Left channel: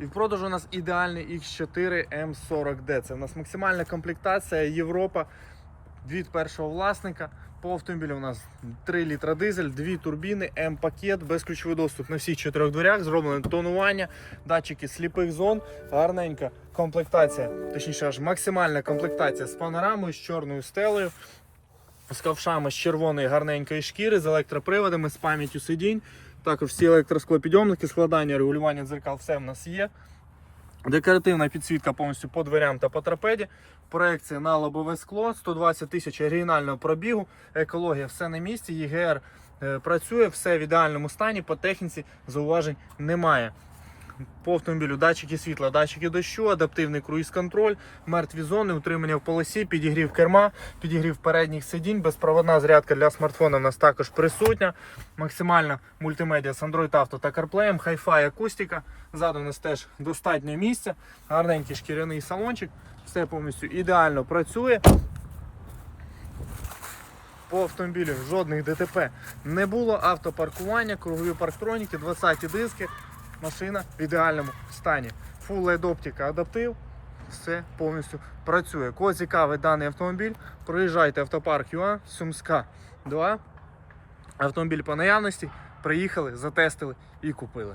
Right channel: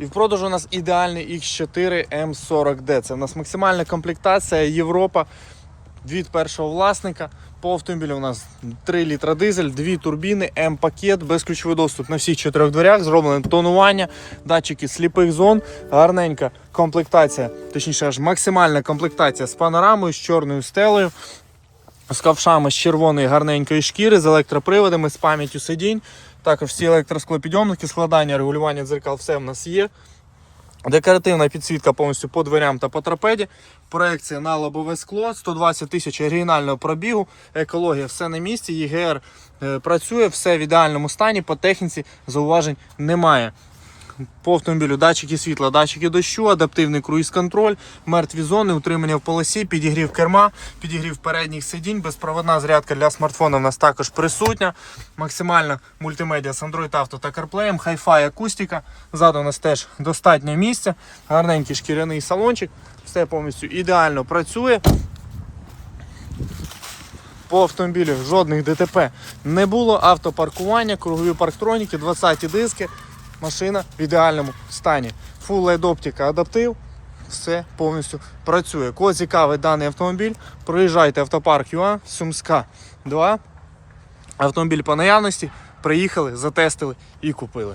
І в продажу у нас ідеальний X4 M40D. Це в нас максимальна комплектація Європа від першого власника. По автомобілю у нас 3 літра дизель, дві турбіни, М-пакет, безключовий доступ на всіх чотирьох дверях, зроблене тонування, датчики сліпих зон, гарненька комплектація, точніше аж максимальна комплектація з панорамою, з чорною стелею, з ковшами з червоної гарненької шкіри, з електроприводами, з пам'яттю сидінь. Також всі електросклопідйомники, складання, регулювання дзеркал, все в нас є. Декоративна підсвітка повністю по дверям та по трапеді. Проекція на лобове скло, 120 тисяч оригінального пробігу, екологія, все на місці, ЄГР е, працює, все в ідеальному стані, по техніці зауважень немає. По автомобілю датчики світла, датчики дощу, адаптивний круїз-контроль, мертві зони, утримання в полосі, підігрів керма, підігрів передніх сидінь, безпроводна зарядка для смартфона в нас також присутня. Максимальна мультимедіа з Android Auto та CarPlay, Hi-Fi акустика. Ззаду у нас теж достатньо місця, гарненький шкіряний салончик, все повністю ідеально працює. По автомобілю жодних ДТП не було. Автопаркування, кругові парктроніки, 20-ті диски. Машина в ідеальному стані. Full LED оптика адаптив. Все повністю працює. Кого цікавий даний автомобіль, проїжджайте автопарк ЮА, Сумська 2. Автомобіль по наявності. Приїхали, затестили і купили.